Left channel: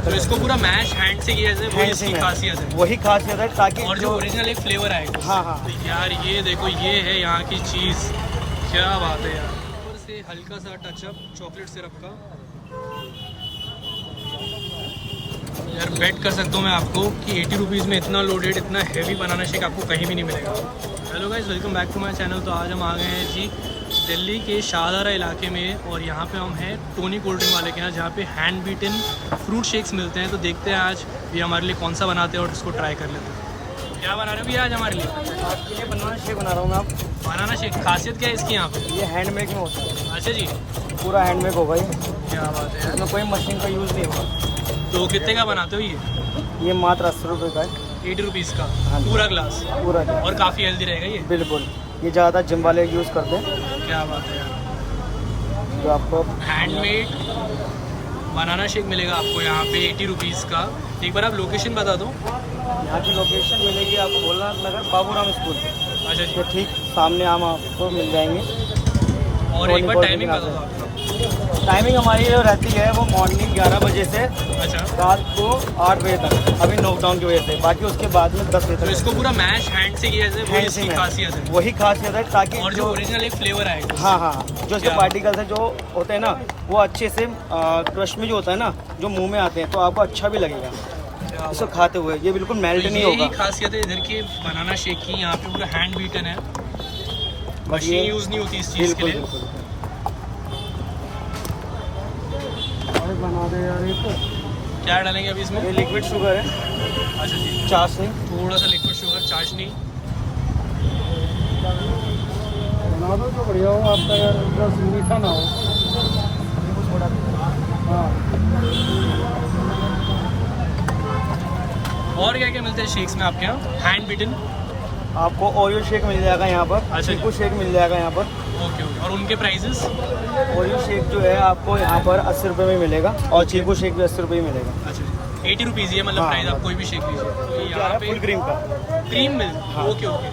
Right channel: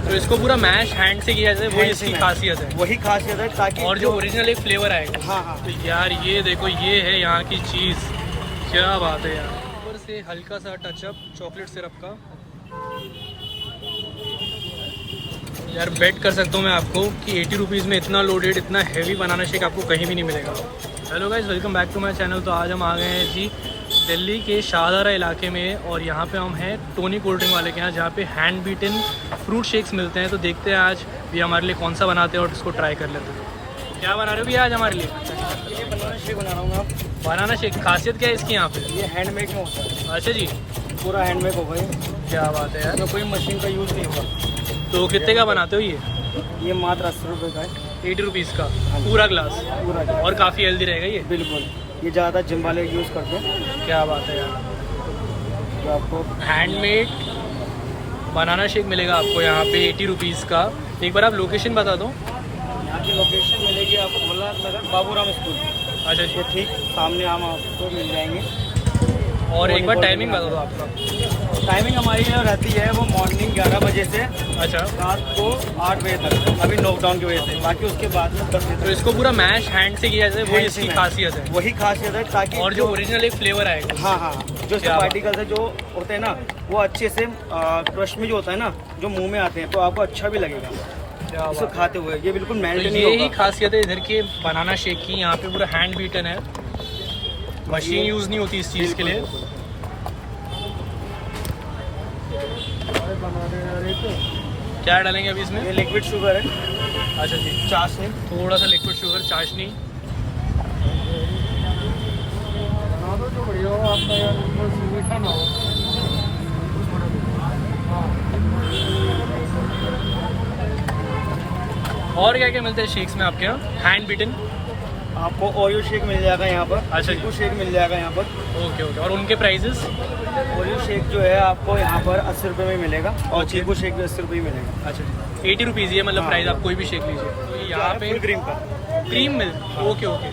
में। तो इसको पूरा मैश हैंड से किया जाए, वही इसकी खासियत है। वही खासियत है, ताकि और जो ओरिजिनल एक फ्लेवर आएगा। हाँ हाँ। तो यार ये देखो, ये है यहाँ की चीज़, क्या बात है यार। ऊपर से हल्का सा टचअप चॉकलेट सिरप का। यार बेट कर सकता हूँ मैं आपको कि 80 रुपीज़ में इतना लोडेड, इतना हैवी बनाना शेक आपको कहीं भी नहीं मिलेगा। Hello guys, welcome back to my channel. तो आज हम आ गए हैं जी दिल्ली के शाहदरा इलाके में, और यहाँ पे हम हैं टोनी कोल्ड ड्रिंक वाले के यहाँ, जहाँ पे हैंड बीटन फ्रूट शेक्स मिलते हैं। तो देखते हैं आज भी हमारे लिए कौन सा बनाते हैं और इसको ट्राई कर लेते हैं। क्या बना रहे हो भैया आज हमारे लिए? आपके लिए बनाना शेक बना रहा हूँ मैं। आप बनाना शेक, खासियत क्या है इसकी यहाँ पे? ये हैंडमेड में होता है। अच्छा जी, पूरा हैंडमेड होगा ये। क्या बात है यार। इसमें कोई मशीन का यूज़ नहीं होता। तो कितने का बनाते हो ये? ये मात्र 80 रुपये का है। 80 रुपीज़ का हाँ जी। पूरा ग्लास? पूरा और काफ़ी हेल्दी रहेगा ये। बिल्कुल, ये ज़्यादा जिम वाले यूज़ करते हैं। क्या बात है यार। जो आपको हैंडमेड बनाना शेक मिलेगा आपको यहाँ पे 80 रुपीज़ का। एक बार आप लोकेशन बता दो। यहाँ की लोकेशन मिलेगी आपको भोला नगर बाबूराम स्कूल। अच्छा जी, ये ठीक सामने हम आपको मिल जाएंगे। और एक बार टाइमिंग बता दो आपका। टाइमिंग हमारी जो रहती है वो मॉर्निंग 11 बजे से अच्छा, रात को 8 बजे तक, अभी लॉकडाउन की वजह से। बाकी उसके बाद में 10 बजे तो तक। इसको पूरा मैश हैंड से किया जाए, वही हैंड इसकी से खासियत है। वही खासियत है, ताकि और जो ओरिजिनल एक फ्लेवर आएगा। हाँ हाँ, जो इसके क्या बात। पार्टिकल्स है जो होते हैं ना, वो अच्छे से क्रश में जो होता है ना, जो मुंह में आते हैं, तो आपको अच्छा भी लगेगा क्या इसको बात। खाते हुए। ये बिल्कुल तो मेल्ट नहीं यही होगा। खासियत है इधर के बनाना शेक की। यहाँ पे पूरा हैंड बीटन है, मशीन यूज़ नहीं होती इस चीज़ के लिए। क्या डालेंगे अभी इसमें? ये लिक्विड शुगर है। अच्छा जी, चाशनी, थोड़ा सा लिक्विड शुगर, चाशनी। बना दो जो बढ़िया हो आपका यार, मतलब मीठा ना हो। हाँ। और क्या क्या मिलता है शेक्स में आपके यहाँ? हैंड बीटन, आपको ओरियो शेक मिल जाएगा यहाँ पर। अच्छा। चीकू शेक मिल जाएगा यहाँ पर। Okay okay. और उनके प्राइजेस? ओरियो शेक जो है आपको यहाँ पर 80 रुपये में मिलेगा, और Okay. चीकू शेक भी 80 रुपये में मिलेगा। अच्छा जी, 80 रुपीज़ ये मतलब हाँ, प्राइस। हाँ। आप कोई भी शेक लीजिए। तो यहाँ पे फुल क्रीम का। Cream milk. Okay okay.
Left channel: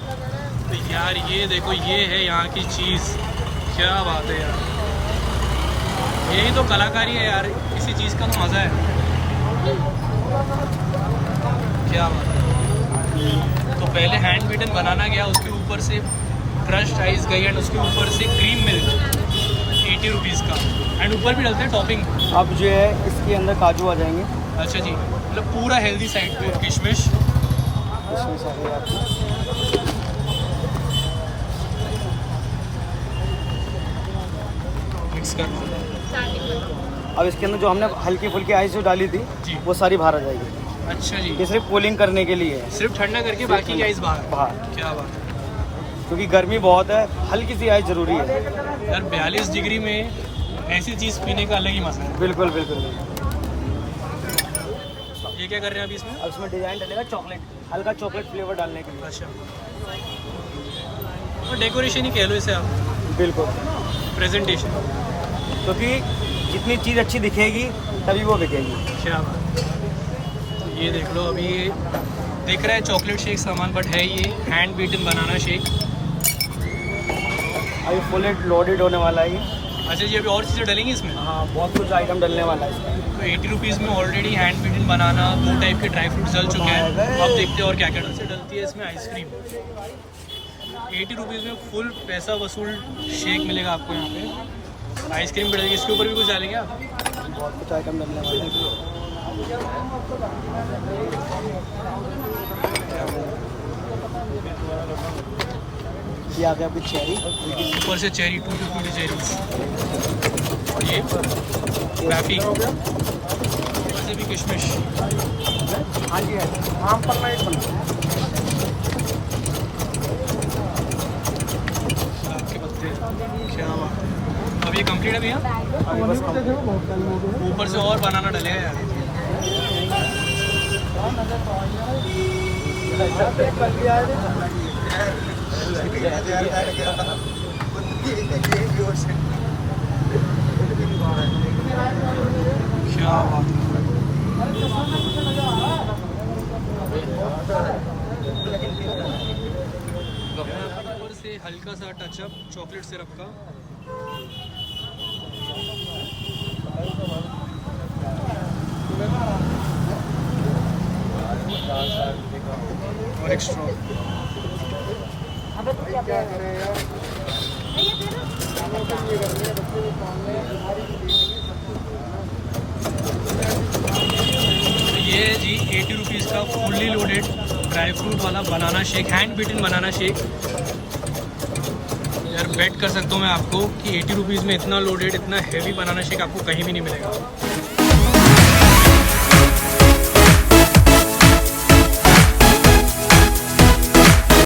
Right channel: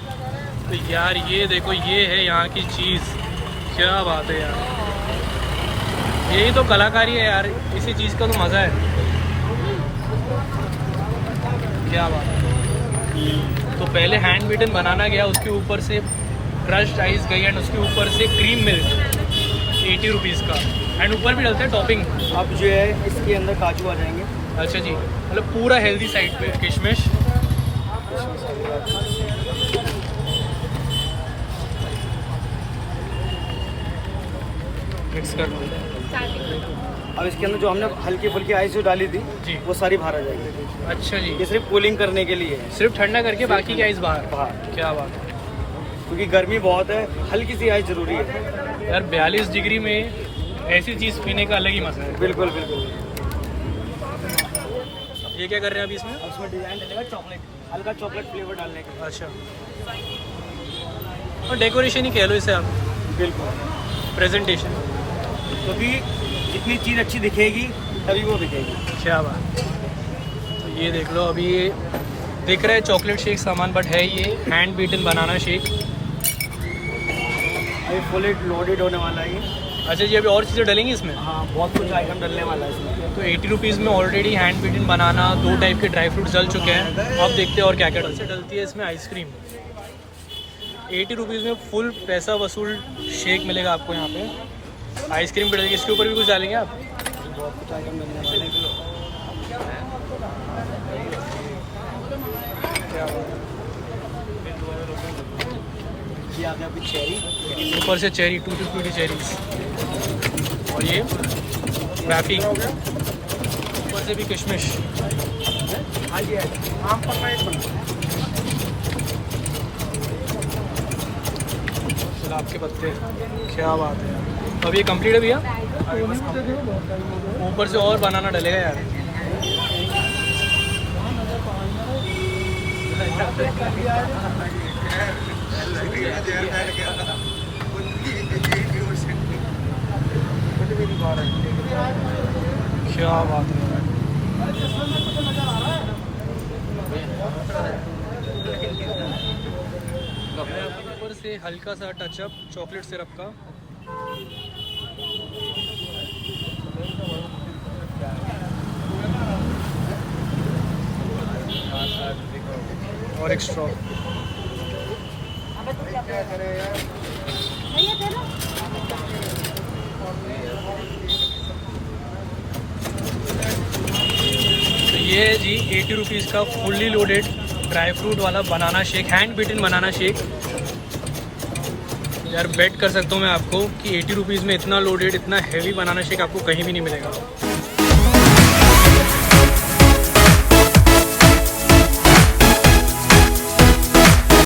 तो यार ये देखो, ये है यहाँ की चीज़, क्या बात है यार। यही तो कलाकारी है यार, इसी चीज़ का तो मज़ा है। क्या बात है। तो पहले हैंड बीटन बनाना गया, उसके ऊपर से क्रश्ड आइस गई, एंड उसके ऊपर से क्रीम मिल्क 80 रुपीज़ का, एंड ऊपर भी डलते हैं टॉपिंग। अब जो है इसके अंदर काजू आ जाएंगे। अच्छा जी, मतलब पूरा हेल्दी साइड पे किशमिश। मिक्स कर दो। अब इसके अंदर जो हमने हल्की फुल्की आइस जो डाली थी, जी। वो सारी बाहर आ जाएगी। अच्छा जी, ये सिर्फ कूलिंग करने के लिए है। सिर्फ ठंडा करके बाकी की आइस बाहर। बाहर, क्या बात है क्योंकि गर्मी बहुत है, हल्की सी आइस जरूरी है। यार। 42 डिग्री में ऐसी चीज़ पीने का अलग ही मज़ा है। बिल्कुल बिल्कुल। ये क्या कर रहे हैं अभी इसमें? अब इसमें डिजाइन डलेगा चॉकलेट, हल्का चॉकलेट फ्लेवर डालने के लिए। अच्छा, और डेकोरेशन ही कह लो इसे आप, बिल्कुल, प्रेजेंटेशन। क्योंकि जितनी चीज़ अच्छी दिखेगी तभी वो बिकेगी। क्या बात। तो ये देख लो, अभी ये दिख रहा है चॉकलेट शेक सामान, बट है ये हैंड बीटन बनाना शेक। अभी फुल लोडेड होने वाला है ये। अच्छा जी, अभी और चीज़ें डलेंगी इसमें? हाँ, बहुत कुछ आइटम डलने वाला है इसमें। तो 80 रुपीज़ में ऑलरेडी हैंड बीटन बनाना, 2 टाइप के ड्राई फ्रूट डल चुके हैं। अब देखते हैं और क्या क्या डलती है इसमें। आइसक्रीम 80 रुपीज़ में फुल पैसा वसूल शेक मिलेगा आपको यहाँ पे। आइसक्रीम भी डलेगी, इसके ऊपर भी कुछ डालेंगे आप? बहुत कुछ आइटम डलने वाला है। ये आ गया कुछ चेरी, ऊपर से चेरी, 2 to 20 चेरीज। और ये वैफी, ऊपर से भी किशमिश। हाँ जी, आम पर गुलाब के पत्ते, क्या बात है यार। अब ये कंप्लीट है भैया? ऊपर से और बनाना डलेगा यार। क्या बात है। ऊपर से हल्का सा टचअप चॉकलेट सिरप का। और एक स्ट्रॉ। तो ये है जी 80 रुपीज़ का फुल्ली लोडेड ड्राई फ्रूट वाला banana shake, hand beaten banana shake. यार बेट कर सकता हूँ मैं आपको कि 80 रुपीज़ में इतना लोडेड, इतना हैवी बनाना शेक आपको कहीं भी नहीं मिलेगा।